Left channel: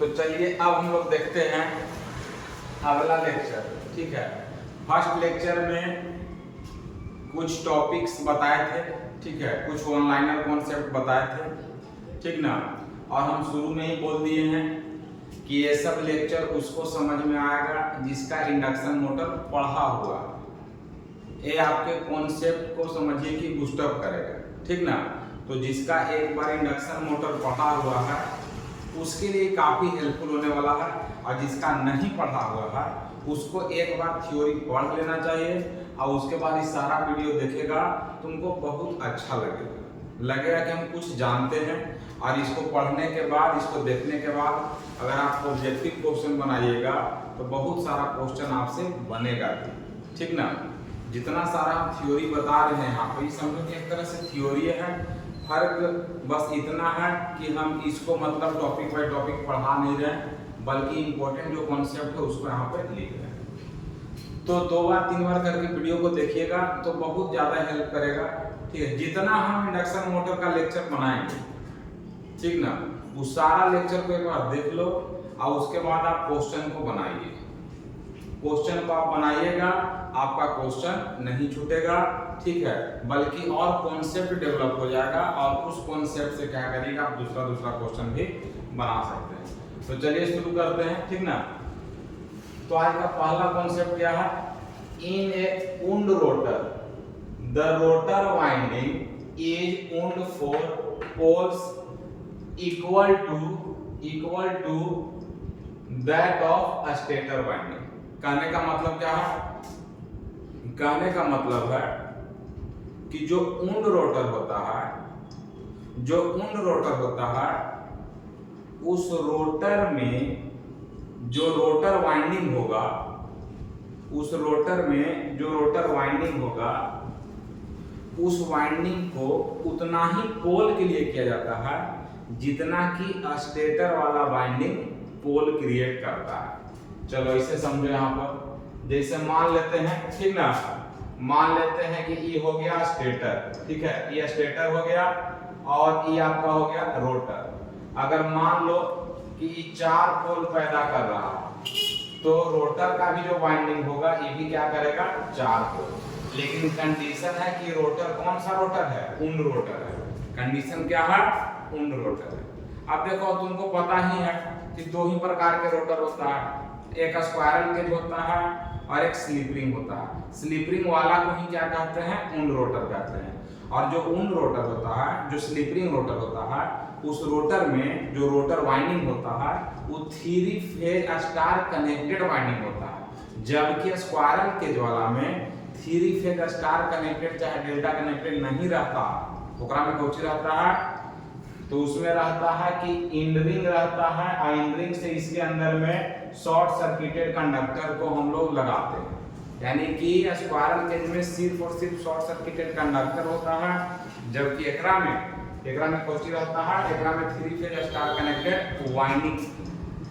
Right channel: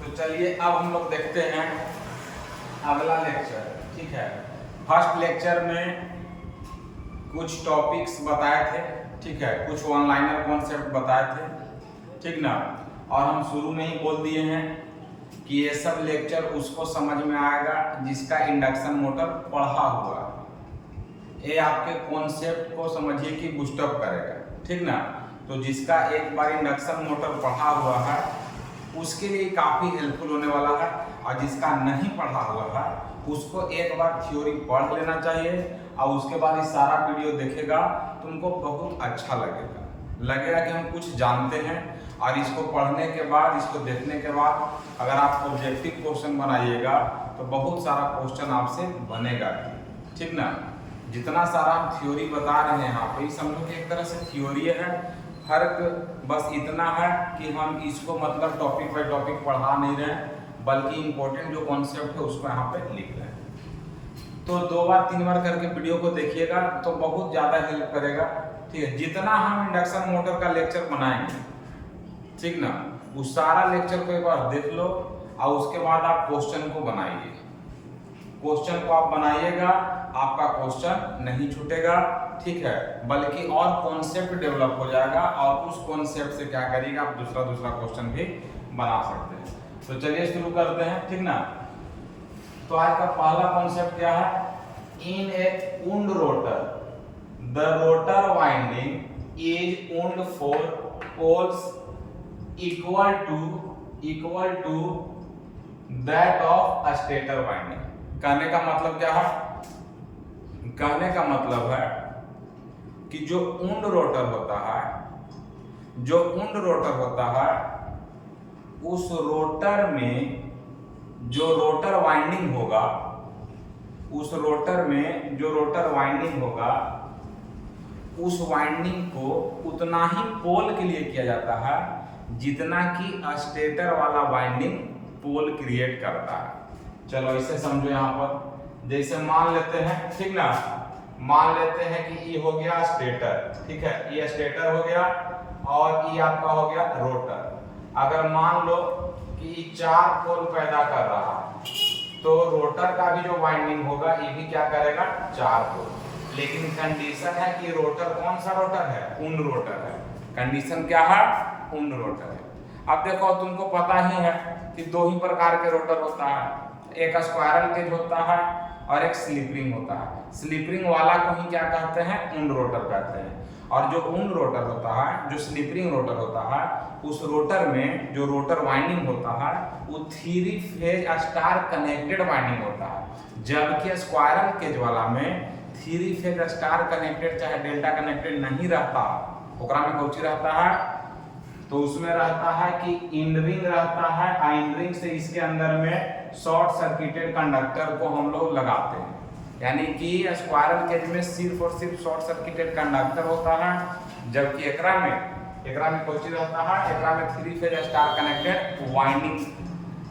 तो चलिए अब हम लोग देखते हैं अगला लेक्चर। ठीक है, फर्स्ट लेक्चर में कुछ टॉपिक्स बताए थे, ठीक है, कुछ ऑनलाइनर कॉन्सेप्ट बताए थे, ठीक ना। और हम शुरू में ही बोल दिए हैं कि ये सब लेक्चर उसको समझ में आएगा जिसका इंडक्शन मोटर पढ़ा हुआ है। ये आपके कॉन्सेप्ट को समझिए कि बूस्टअप करेगा, ठीक ना। तो जिसका एक बार इंडक्शन मोटर पढ़ा हुआ है उसके लिए काफ़ी हेल्पफुल होने वाला है, और जिसका नहीं पढ़ा हुआ है उसको एक बार थ्योरी पढ़ लेना चाहिए और उसके बाद ये सारा वीडियो देखेगा, तुमको बहुत अच्छा लगेगा कि हम कुछ जानते हैं। और इसको पढ़ने के बाद, इसको देखने के बाद अगर आप ऑब्जेक्टिव क्वेश्चन बनाइएगा तो बहुत सारा क्वेश्चन आपसे बनेगा भी, ठीक ना। जितना सारा हम थ्योरी बता रहे हैं यहाँ पे, समझो कि एक तरह से थ्योरी है, फर्क बस इतना है कि हम इसको मतलब टॉपिक बाय टॉपिक पढ़ा नहीं रहे, बल्कि इंपॉर्टेंट जो कॉन्सेप्ट है उसको यहाँ पे लिख रहे हैं। तो 2 बार 3 बार करके वीडियो को देखिएगा तो बहुत ज़्यादा हेल्प करेगा, ठीक है। जितना हम इंडक्शन मोटर का लेक्चर बनाएंगे, ठीक ना, उस सारा लेक्चर को एक बार देख लो और उसके बाद आप क्वेश्चन को बनाइए। क्वेश्चन को आप बनाइएगा, आपका क्वेश्चन नहीं छूटेगा, ठीक है, बल्कि और कॉन्सेप्ट डेवलप हो जाएगा और उस कॉन्सेप्ट से क्या करिएगा, आप दूसरा क्वेश्चन भी बना सकते हैं। तो चलिए शुरू करते हैं, ठीक ना। तो आज का पहला कॉन्सेप्ट क्या है? In a wound rotor the rotor winding is wound for poles equal to that of stator winding. कहने का मतलब क्या है? कहने का मतलब है कि जो वुंड रोटर होता है, उस रोटर में जो रोटर वाइंडिंग होगा, उस वाइंडिंग को उतना ही पोल के लिए किया जाता है जितना कि स्टेटर वाला वाइंडिंग पोल क्रिएट करता है। चलो इसे समझो। यहाँ पर जैसे मान लेते हैं, ठीक ना, मान लेते हैं कि ये हो गया स्टेटर, ठीक है, ये स्टेटर हो गया और ये आपका हो गया रोटर। अगर मान लो कि ये 4 पोल पैदा कर रहा है तो रोटर का भी जो वाइंडिंग होगा ये भी क्या करेगा? 4 पोल। लेकिन कंडीशन है कि रोटर कौन सा रोटर है? वुंड रोटर है। कंडीशन क्या है? वुंड रोटर है। अब देखो, तुमको पता ही है कि 2 ही प्रकार के रोटर होता है, एक स्क्वायरल केज होता है और एक स्लिप होता है। स्लिप वाला को ही क्या कहते हैं? वुंड रोटर कहते हैं। और जो वुंड रोटर होता है, जो स्लिप रोटर होता है, उस रोटर में जो रोटर वाइंडिंग होता है वो 3 फेज स्टार कनेक्टेड वाइंडिंग होता है, जबकि स्क्वायरल केज वाला में 3 फेज स्टार कनेक्टेड चाहे डेल्टा कनेक्टेड नहीं रहता। ओकरा में कौन सी रहता है? तो उसमें रहता है कि इंड रिंग रहता है, और इंड रिंग से इसके अंदर में शॉर्ट सर्किटेड कंडक्टर को हम लोग लगाते हैं। यानी कि स्क्वायरल केज में सिर्फ और सिर्फ शॉर्ट सर्किटेड कंडक्टर होता है, जबकि एकरा में कौन सी रहता है? एकरा में 3 फेज स्टार कनेक्टेड वाइंडिंग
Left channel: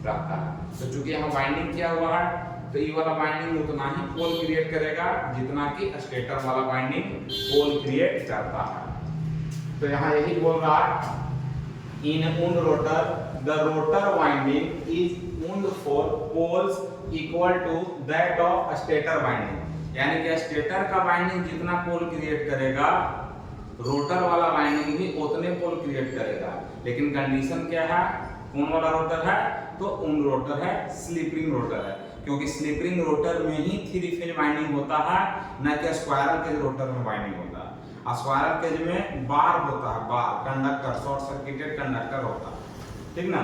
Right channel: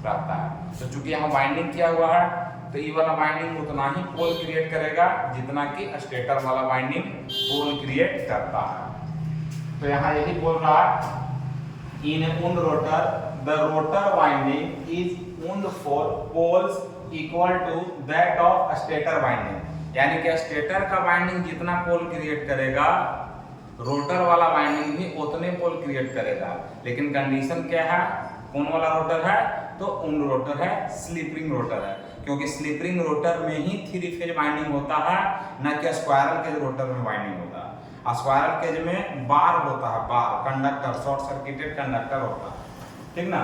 रहता है। तो चूंकि यहाँ वाइंडिंग किया हुआ है तो ये वाला वाइंडिंग उतना ही पोल क्रिएट करेगा जितना कि स्टेटर वाला वाइंडिंग पोल क्रिएट करता है। तो यहाँ यही बोल रहा है, in wound rotor the rotor winding is wound for poles equal to that of stator winding. यानी कि स्टेटर का वाइंडिंग जितना पोल क्रिएट करेगा, रोटर वाला वाइंडिंग भी उतने पोल क्रिएट करेगा। लेकिन कंडीशन क्या है? कौन वाला रोटर है? तो वुंड रोटर है, स्लिप रोटर है, क्योंकि स्लिप रोटर में ही 3 फेज वाइंडिंग होता है, न कि स्क्वायरल केज रोटर में वाइंडिंग होता है। स्क्वायरल केज में बार होता है, बार कंडक्टर, शॉर्ट सर्किटेड कंडक्टर होता है, ठीक ना।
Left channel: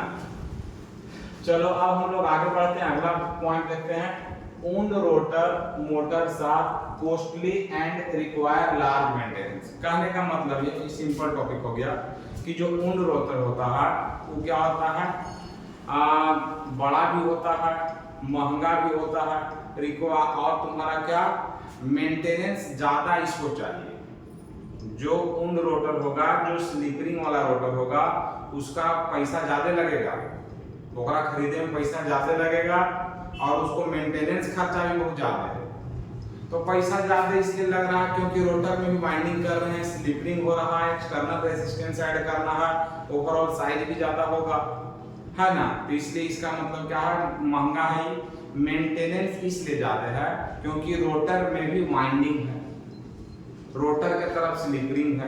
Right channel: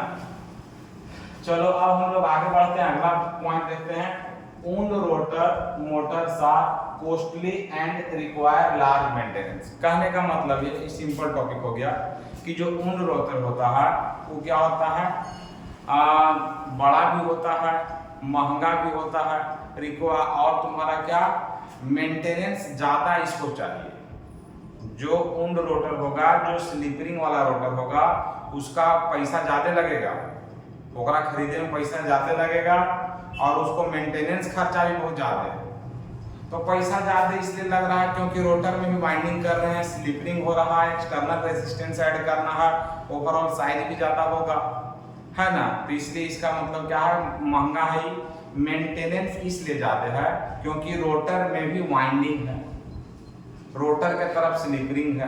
चलो अब हम लोग आगे बढ़ते हैं, अगला पॉइंट देखते हैं। Wound rotor motors are costly and require large maintenance. कहने का मतलब ये सिंपल टॉपिक हो गया कि जो वुंड रोटर होता है वो क्या होता है? बड़ा भी होता है, महंगा भी होता है, और तुम्हारा क्या मेंटेनेंस ज़्यादा इसको चाहिए। जो वुंड रोटर होगा, जो स्लिप वाला रोटर होगा, उसका पैसा ज़्यादा लगेगा, ओकरा खरीदे में पैसा ज़्यादा लगेगा और उसको मेंटेनेंस खर्चा भी बहुत ज़्यादा है। तो पैसा ज़्यादा इसलिए लग रहा है क्योंकि रोटर में भी वाइंडिंग कर रहे हैं, स्लिप हो रहा है, एक्सटर्नल रेजिस्टेंस ऐड करना है, ओवरऑल साइज भी ज़्यादा होगा, है ना। तो इसलिए इसका मतलब क्या है, महंगा है। मेंटेनेंस इसलिए ज्यादा है क्योंकि रोटर में भी वाइंडिंग है, रोटर के तरफ स्लिपरिंग है,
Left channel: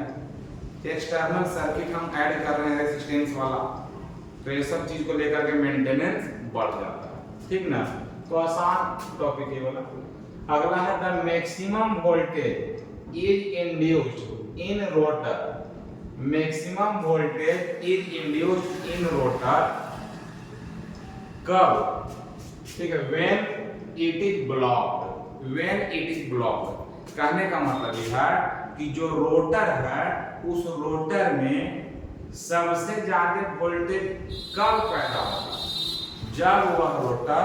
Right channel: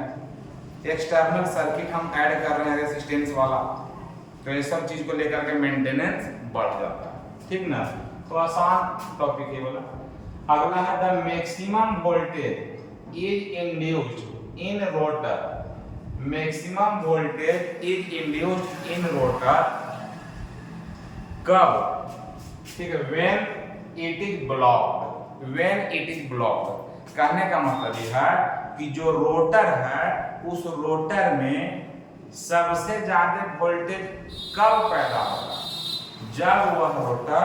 एक्सटर्नल सर्किट हम ऐड कर रहे हैं रेसिस्टेंस वाला, तो ये सब चीज को लेकर के मेंटेनेंस बढ़ जाता है, ठीक ना। तो आसान टॉपिक है वाला। अगला है the maximum voltage is induced in rotor, maximum voltage is induced in rotor कब, ठीक है, when it is blocked, when it is blocked. कहने का मतलब ये है कि जो रोटर है उस रोटर में सबसे ज्यादा वोल्टेज कब पैदा होगा, जब वह रोटर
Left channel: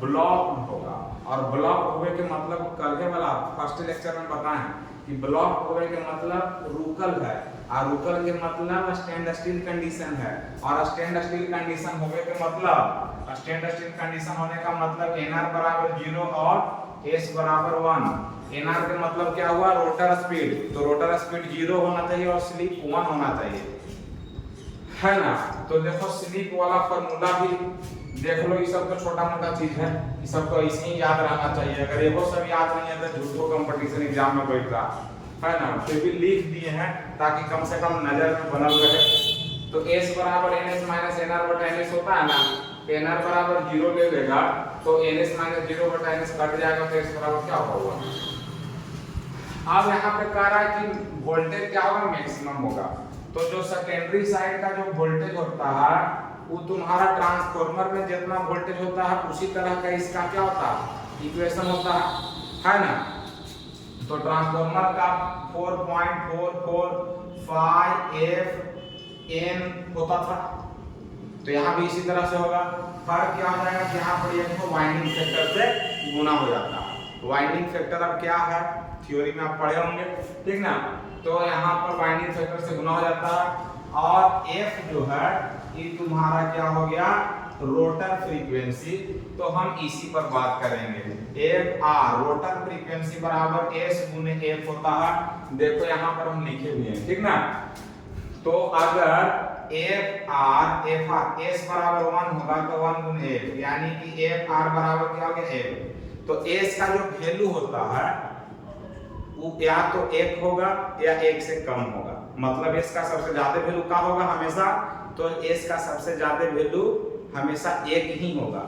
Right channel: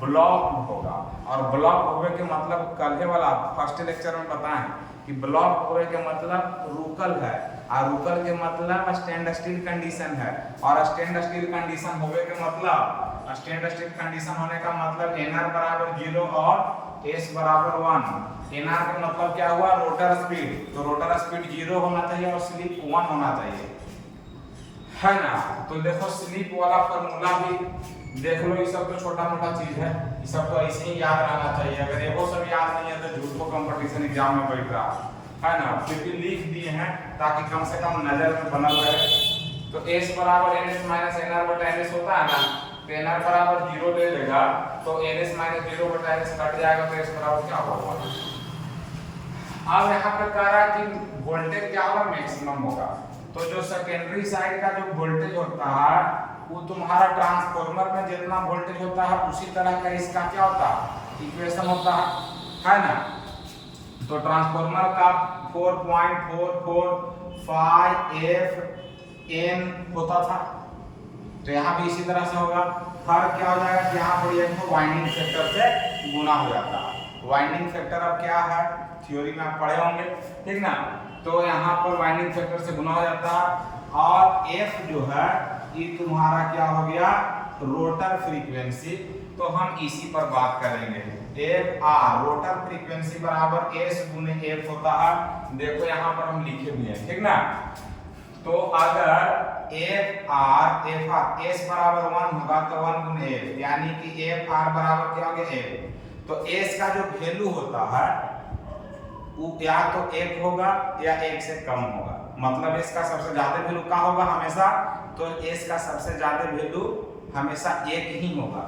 ब्लॉक होगा। और ब्लॉक होने के मतलब कल वाला फर्स्ट लेक्चर में बताएं कि ब्लॉक होने के मतलब रुकल है, और रुकल के मतलब स्टैंड स्टिल कंडीशन है, और स्टैंड स्टिल कंडीशन होने के मतलब, स्टैंड स्टिल कंडीशन होने का मतलब nr बराबर 0 और s बराबर 1। nr का मतलब क्या हुआ, रोटर स्पीड, तो रोटर स्पीड 0 होना चाहिए और स्लिप 1 होना चाहिए, है ना। तो देखो स्लिप वाला फॉर्मूला भी देख लो, ये सब तो छोटा मोटा चीज है, ये सब तो ऐसे ही याद रहना चाहिए। अगर ये वो सब याद नहीं है तो झूठो कंपटीशन एग्जाम में बैठ रहा है ना। फिर भी लिख दिए हैं ताकि कम से कम नजर में बनल रहे। तो s बराबर ns माइनस nr बटा ns होता है ना, तो nr बराबर 0 ले लेगा तो ns माइनस 0 बटा ns कट जाएगा, तो s बराबर क्या होगा। अब यहाँ पे कह रहा है कि वोल्टेज क्या होगा, मैक्सिमम होगा। तो जो सेकेंडरी साइड का जो वोल्टेज होता है वो तुम्हारा ट्रांसफार्मर में जितना वोल्टेज होता है उसी तरह का इसका क्या होता है, इक्वेशन होता है ना। तो ट्रांसफार्मर का 4.445 N होता था, तो यहाँ भी इसी तरह से होगा। फर्क क्या हो जाएगा कि यहाँ पर ये वाइंडिंग फैक्टर से गुना हो जाता है। वाइंडिंग फैक्टर अब क्या है, थ्योरी में आप पढ़े होंगे, ठीक ना। तो यहाँ पर वाइंडिंग फैक्टर से गुना हो जाता है, और F जो है ये तुम्हारा क्या हो गया, रोटर फ्रीक्वेंसी। तो हम इसी पर बात करेंगे, एफ आर रोटर फ्रीक्वेंसी बराबर एस गुने एफ होता है। देखो यहाँ पर हम लिखे हुए हैं, ठीक ना। तो अगर एफ आर एस बराबर 1 होगा तो 1 गुने एफ, यानी कि एफ आर बराबर क्या हो गया एफ। तो एस का जो वैल्यू होता है वो या तो 1 होगा या 1 से कम होगा, मतलब एस का सबसे ज्यादा वैल्यू क्या होगा हमेशा, तो एस का सबसे ज्यादा वैल्यू हमेशा 1 ही होगा।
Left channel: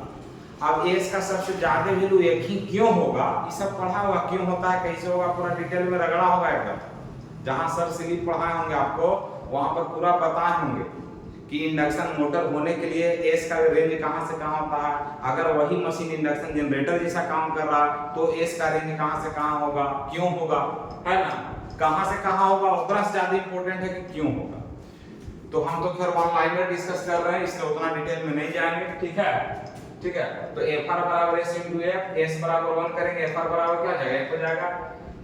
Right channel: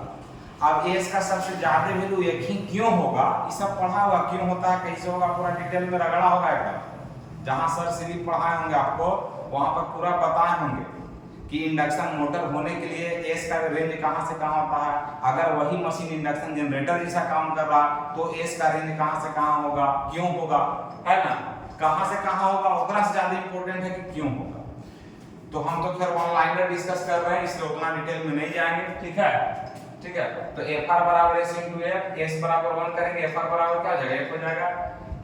अब एस का सबसे ज्यादा वैल्यू 1 ही क्यों होगा, ये सब पढ़ा होगा क्यों होता है, कैसे होगा, पूरा डिटेल में रगड़ा होगा एकदम। जहां सर स्लिप पढ़ाए होंगे आपको वहां पर पूरा बताए होंगे कि इंडक्शन मोटर होने के लिए एस का रेंज कहां से कहां होता है। अगर वही मशीन इंडक्शन जनरेटर जैसा काम कर रहा तो एस का रेंज कहां से कहां होगा, क्यों होगा, है ना। कहां से कहां होगा उतना से ज्यादा इंपॉर्टेंट है कि क्यों होगा। तो हम तो फिर वन लाइनर डिस्कस कर रहे हैं, इसलिए उतना डिटेल में नहीं जाएंगे, ठीक है, ठीक है। तो एफ आर बराबर एस इंटू एफ, एस बराबर 1 करेंगे, एफ आर बराबर क्या हो जाएगा, 1 हो जाएगा।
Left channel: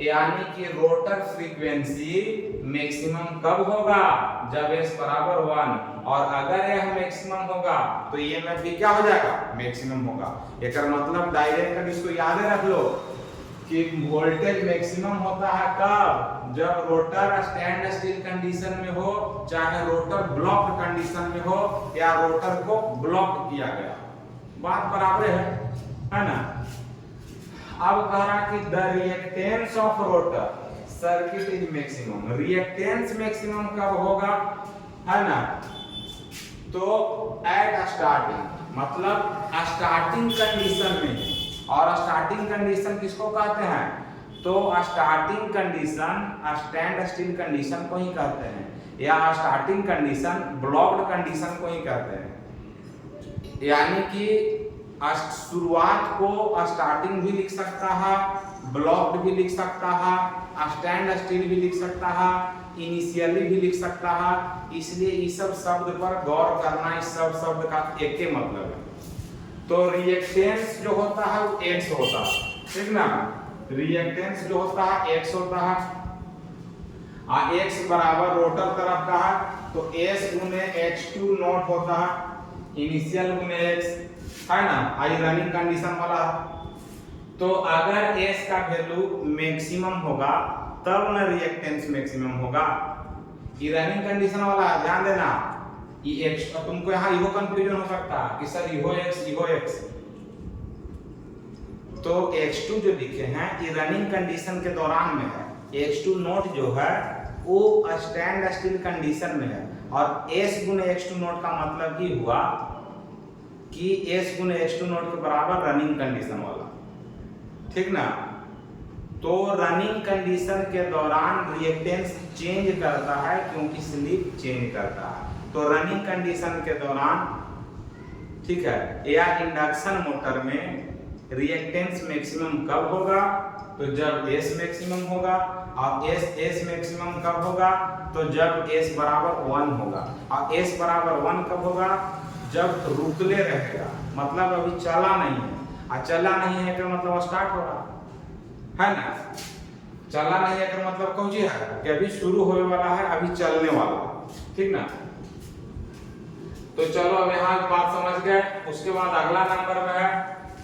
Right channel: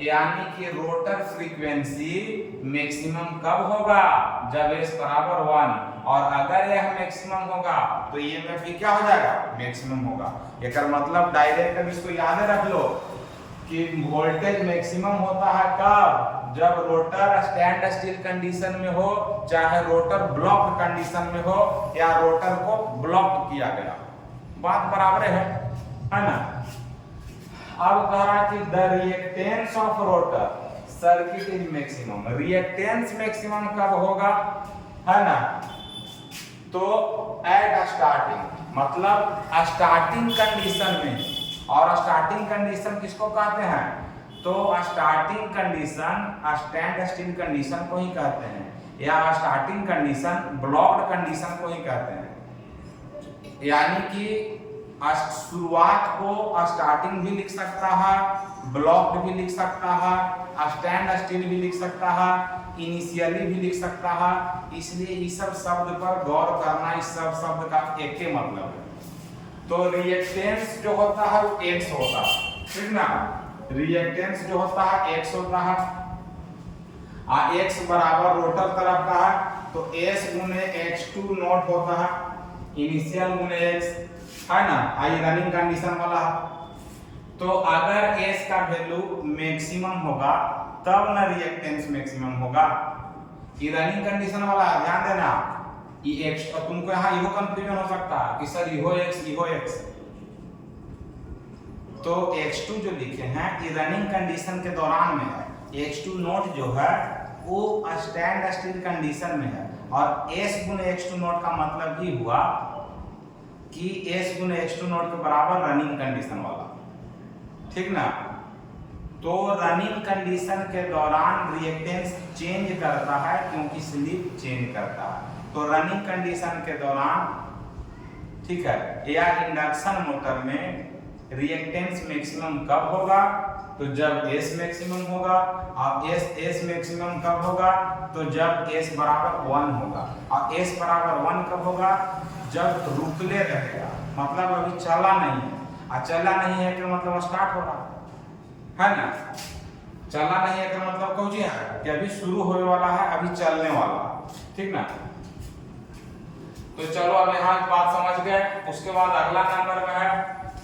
यानी कि रोटर फ्रीक्वेंसी मैक्सिमम कब होगा, जब एस बराबर 1, और अगर यह मैक्सिमम होगा तो ईएमएफ भी क्या हो जाएगा, मैक्सिमम होगा। एक मतलब डायरेक्ट अब इसको याद रख लो कि वोल्टेज मैक्सिमम होता है कब, जब रोटर स्टैंड स्टिल कंडीशन में हो, चाहे रोटर ब्लॉक्ड कंडीशन में हो, या रोटर को ब्लॉक किया गया, बात बराबर है ना। अब कह रहा है कि the reactance of rotor circuit is maximum, reactance maximum कब होगा, है ना। तो एट स्टार्टिंग, मतलब स्टार्टिंग कंडीशन में, और स्टार्टिंग कंडीशन किसको कहते हैं, तो starting condition stand still condition को ही कहते हैं, या स्टार्टिंग कंडीशन ब्लॉक्ड कंडीशन को ही कहते हैं। यानी कि शुरुआत को स्टार्टिंग भी लिख सकता है, ब्लॉक्ड भी लिख सकता है, स्टैंड स्टिल भी लिख सकता है, इनिशियली भी लिख सकता है। इसलिए इस सब शब्द पर गौर करना, इस सब शब्द का एक ही मतलब है। तो रिएक्टेंस जो होता है वो एक्स होता है, ठीक ना। रिएक्टेंस जो होता है एक्स होता है, एक्स बराबर रोटर तरफ का है तो एस गुने x2 नॉट होता है, इनिशियल गुने एक्स, है ना, आई रनिंग कंडीशन वाला है। तो अगर एस का वैल्यू मैक्सिमम होगा तब ना रिएक्टेंस मैक्सिमम होगा, ये रनिंग कंडीशन वाला है, ध्यान देना। ई एक्स, अब तुमको यहाँ इहो कंफ्यूजन हो सकता है कि सर इहो एक्स, तो x2 जो लिखे हैं ये रनिंग कंडीशन के दौरान में है, x2 नोट जो है वो स्टैंड स्टिल कंडीशन में है, और s गुने x2 नोट का मतलब ही हुआ कि s गुने x2 नोट के बराबर रनिंग कंडीशन वाला, ठीक ना। तो रनिंग कंडीशन के दौरान रिएक्टेंस चेंज करता है क्योंकि स्लिप चेंज करता है। तो रनिंग कंडीशन के दौरान, ठीक है, या इंडक्शन मोटर में रिएक्टेंस मैक्सिमम कब होगा, तो जब S मैक्सिमम होगा, और S मैक्सिमम कब होगा, तो जब S बराबर 1 होगा, और S बराबर 1 कब होगा, जब रुकले रहेगा, मतलब अभी चला नहीं है, और चला नहीं है का मतलब स्टार्ट हो रहा है ना, चला नहीं है का मतलब कौन है कि अभी शुरू होने वाला है, अभी चलने वाला, ठीक ना। तो चलो अब यहाँ बात समझ गए। उसके बाद अगला नंबर में है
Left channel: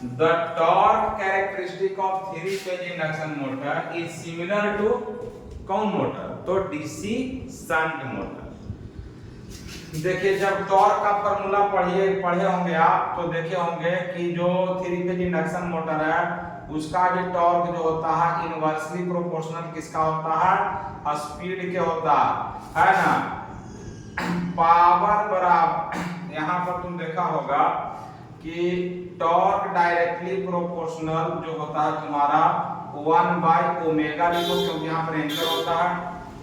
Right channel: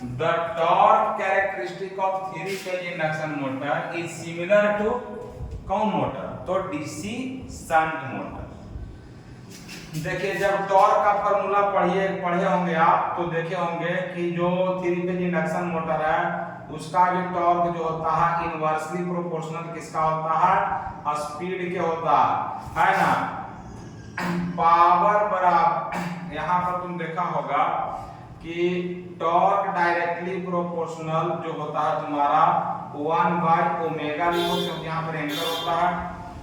the torque characteristic of 3 phase induction motor is similar to कौन मोटर, तो डीसी शंट मोटर। देखिए जब टॉर्क का फार्मूला पढ़े होंगे आप, तो देखे होंगे कि जो 3 फेज इंडक्शन मोटर है उसका जो टॉर्क जो होता है इनवर्सली प्रोपोर्शनल किसका होता है, स्पीड के होता है ना। पावर बराबर, यहाँ पर तुम देखा होगा कि टॉर्क डायरेक्टली प्रोपोर्शनल जो होता है तुम्हारा 1/ओमेगा लिखो क्योंकि यहाँ पर एंकर होता है,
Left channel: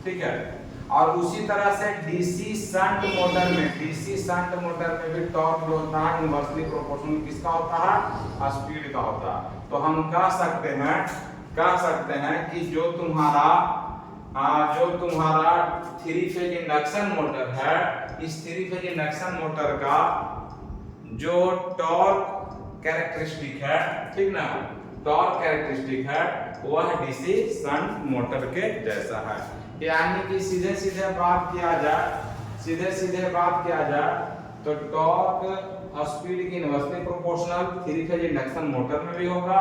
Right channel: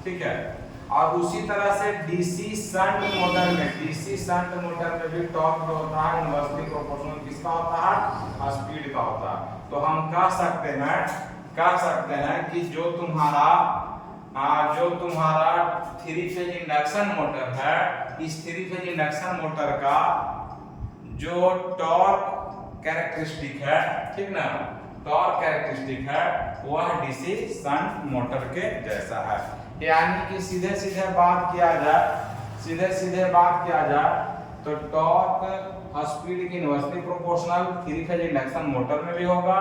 ठीक है। और उसी तरह से डीसी शंट मोटर में भी टॉर्क जो होता है इनवर्सली प्रोपोर्शनल किसका होता है, स्पीड का होता है। तो हम कह सकते हैं कि जो तुम्हारा 3 फेज इंडक्शन मोटर है, इस 3 फेज इंडक्शन मोटर का जो टॉर्क कैरेक्टरिस्टिक है, ठीक ना, टॉर्क कैरेक्टरिस्टिक है वह डीसी शंट मोटर के जैसा है। यानी कि सीधे सीधे बात किया जाए तो टॉर्क स्पीड की inversely proportional 3 phase induction motor में भी होगा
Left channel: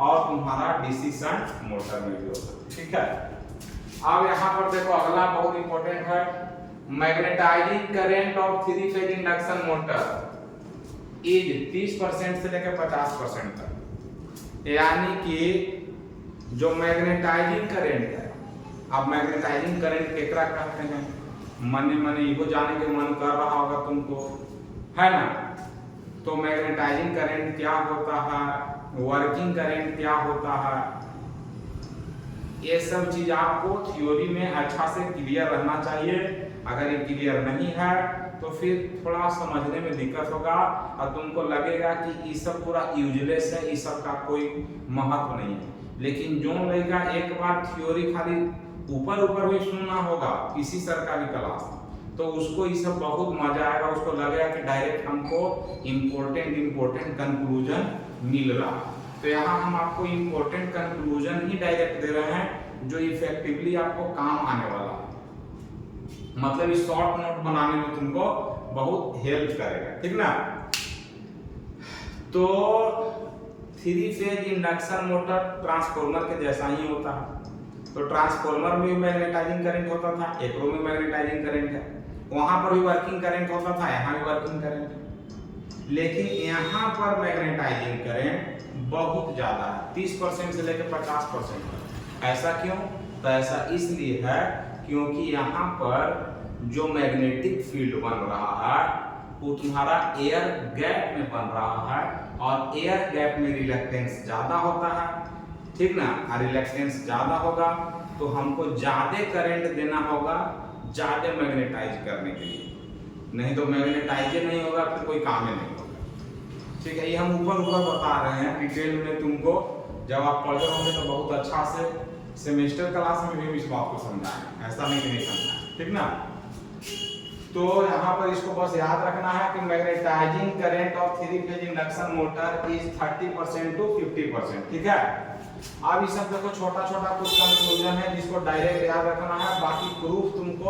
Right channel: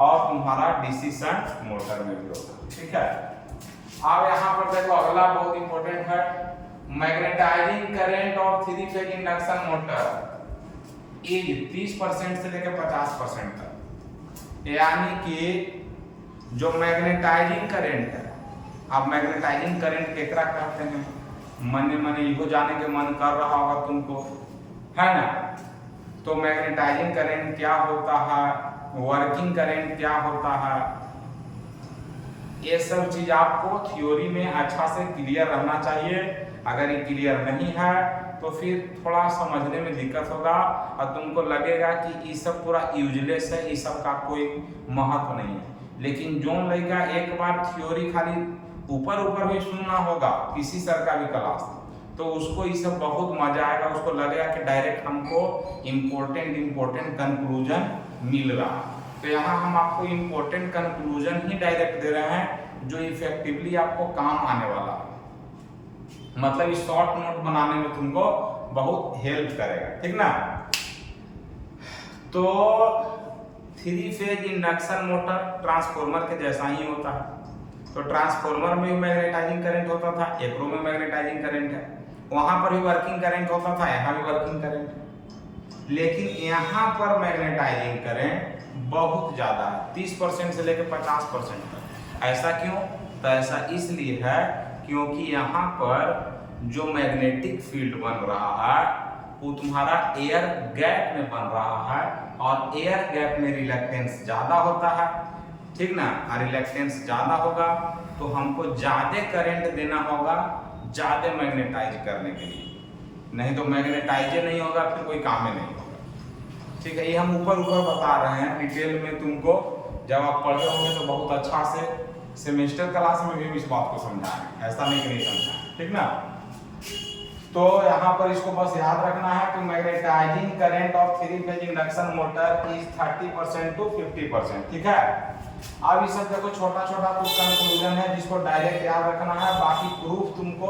और तुम्हारा डीसी शंट मोटर में भी होगा, ठीक है। अब यहाँ पर देखो अगला बहुत इंपॉर्टेंट है, magnetising current of 3 phase induction motor is 30% से लेकर 50% तक। यानी कि जो मैग्नेटाइजिंग करंट है, अब मैग्नेटाइजिंग करंट केकरा कहते हैं, मने इहो जाने के मन कर रहा होगा तुमको, है ना। तो मैग्नेटाइजिंग करंट क्या होता है, वर्किंग करंट क्या होता है, ये सब चीज आपको थ्योरी में अच्छा से क्लियर रहना चाहिए। अगर ये क्लियर नहीं है तो फिर थोड़ा समझने में दिक्कत होगा और तुमको लगेगा कि ये सब पूरा यूजलेस है, ये सब का कोई महत्व नहीं है। लेकिन जो लड़का एक बार थ्योरी खाली ऊपर भी सुनना होगा किसी सर का भी क्लास, तो उसको ये सब बहुत मजा आएगा, उसको लगेगा कि डायरेक्ट हमको इम्पोर्टेंट कंक्लूजन मिल रहा। तो यहाँ हम आपको इम्पोर्टेंट कंक्लूजन ही डायरेक्ट दे रहे हैं जो इफेक्टिवली आपको काम आने वाला है, मतलब इस शॉर्ट नोट बनाने में तुमको बहुत हेल्प करेगा, ठीक ना। तो 3 फेज इंडक्शन मोटर ट्रांसफार्मर के जैसा ही होता है। तो ट्रांसफार्मर में भी मैग्नेटाइजिंग करंट होता था, एकरो में मैग्नेटाइजिंग करंट है, वहां पर भी वर्किंग करंट होता था, यहाँ भी वर्किंग करंट है। लेकिन यहाँ पर मैग्नेटाइजिंग करंट बहुत ज्यादा है, 30% से लेकर 50% तक। ऐसा क्यों? तो ऐसा इसलिए है क्योंकि यहाँ पर जो मैग्नेटिक फील्ड बन रहा है वो तुम्हारा एयर गैप में बन रहा है, और एयर गैप में रिलक्टेंस ज्यादा होता है, ठीक ना। रिलक्टेंस ज्यादा होगा तो हमको ज्यादा करंट देना होगा ज्यादा मैग्नेटाइज करने के लिए, नहीं तो मैग्नेटाइज नहीं होगा फिर कोई काम ही नहीं होगा, ठीक है। ये हम ऊपर बता रहे हैं, डिटेल में तुमको जब आप पढ़ रहे होंगे तो बहुत अच्छा से सेमेस्टर क्लास में भी इस बात को समझाएं, ऐसा नहीं कि नहीं समझाएं, ठीक ना। तो यहाँ पर इसको बस याद रखना है कि magnetising current of 3 phase induction motor is 30% to 50%, ठीक है। अब इसे देखो छोटा कुछ कंक्लूजन है जिसको डायरेक्ट याद रखना है, बाकी प्रूफ तुमको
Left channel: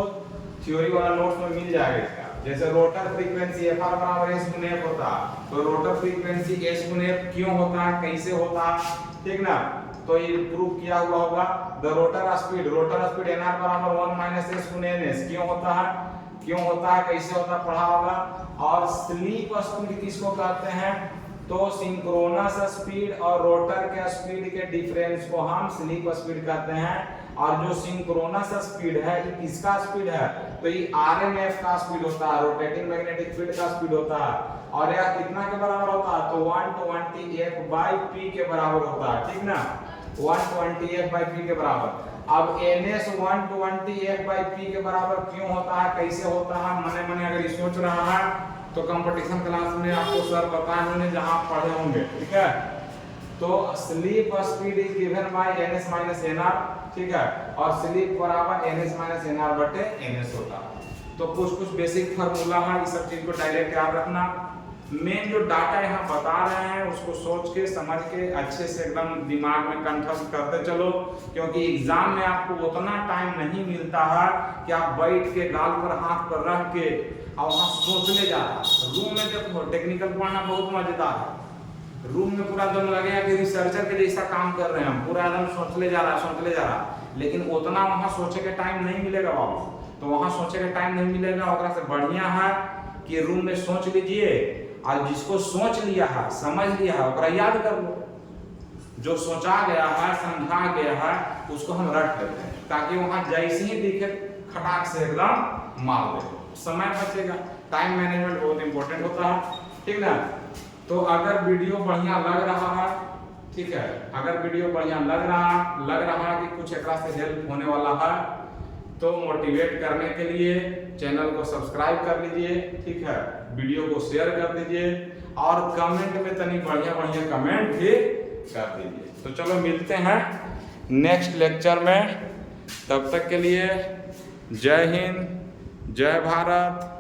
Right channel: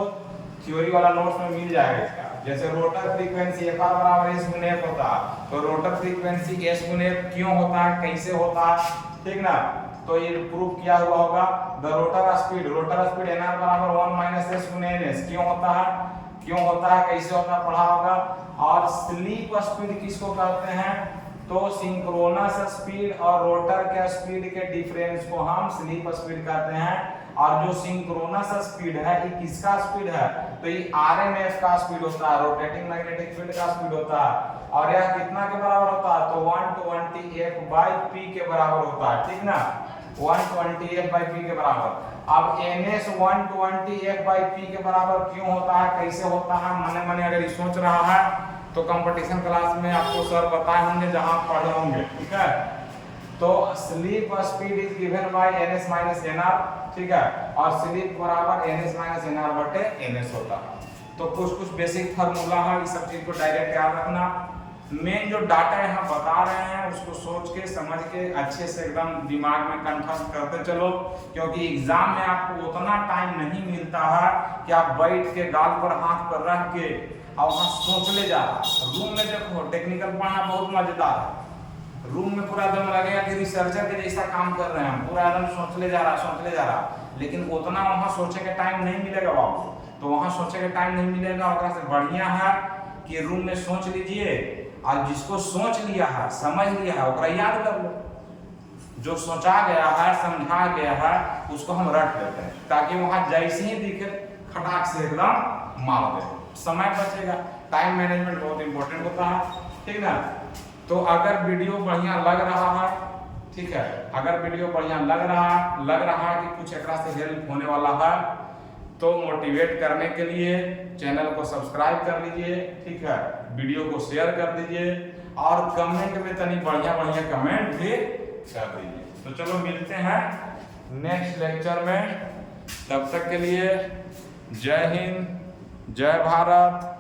थ्योरी वाला नोट्स में मिल जाएगा इसका। जैसे रोटर फ्रीक्वेंसी एफ आर बराबर एस गुने एफ होता है, तो रोटर फ्रीक्वेंसी एस गुने एफ क्यों होता है, कैसे होता है, ठीक ना। तो ये प्रूफ किया हुआ होगा। The rotor speed N R बराबर 1 - s गुने एन एस क्यों होता है, क्यों होता है, कैसे होता है, पढ़ा होगा। और स्लीप स्पीड किसको कहते हैं, तो सिंक्रोनस स्पीड और रोटर के स्पीड के डिफरेंस को हम स्लीप स्पीड कहते हैं। और जो सिंक्रोनस स्पीड है ये किसका स्पीड है, तो ये आरएमएफ का स्पीड होता है, रोटेटिंग मैग्नेटिक फील्ड का स्पीड होता है। और यह कितना के बराबर होता है, तो 120f/p के बराबर होता है, ठीक ना, 120f/p के बराबर। अब ns 120f/p के बराबर क्यों होता है, कैसे होता है, मने मने अगर ये सोच रहा है तो कंपटीशन क्लास में आपको सर बताए होंगे जहां पढ़े होंगे, ठीक है। तो sleep speed is given by ns minus nr, ठीक है, और स्लीप बराबर ns माइनस nr बटे ns होता है। तो कुछ बेसिक फार्मूला है, इस सब चीज को डायरेक्ट याद रखना। मेन जो डाटा यहाँ बता रहे हैं उसको सोच के समझ के अच्छे से एकदम दिमाग में कंठस्थ करते चलो, क्योंकि एग्जाम में आपको उतना टाइम नहीं मिलता है कि आप बैठ के गाल पर हाथ पर रख के और वहाँ सोच ले जा रहा। रूम में देखो टेक्निकल पढ़ना बहुत मजेदार है, रूम में पूरा एकदम लगेगा कि रिसर्चर के जैसा काम कर रहे हैं हम, पूरा एकदम सोच ले जा रहा, लेकिन उतना वहाँ सोचे के टाइम नहीं मिलेगा बाबू। तो वहाँ सोचे के टाइम नहीं मिलेगा, और से बढ़िया है कि रूम में सोच लीजिए, और जिसको सोच लिया है समझ लिया है ओकरा याद कर लो, जो सोचा गया है समझा गया है उसको हम रट लेते हैं, ताकि वहाँ जैसे ही दिखे खटाक से एकदम मार दे, समय बचेगा। टाइम मैनेजमेंट बहुत इंपॉर्टेंट होता है, ठीक ना। तो अगर वीडियो बढ़िया लग रहा है, ठीक है, अगर वीडियो बढ़िया लग रहा है कि कुछ एकरा से हेल्प होने वाला है, तो मोटिवेट करने के लिए चैनल को सब्सक्राइब कर लीजिए, ठीक है, वीडियो को शेयर कर दीजिए, और कमेंट में तनी बढ़िया कमेंट भी कर दीजिए। तो चलो मिलते हैं नेक्स्ट लेक्चर में, तब तक के लिए जय हिंद, जय भारत।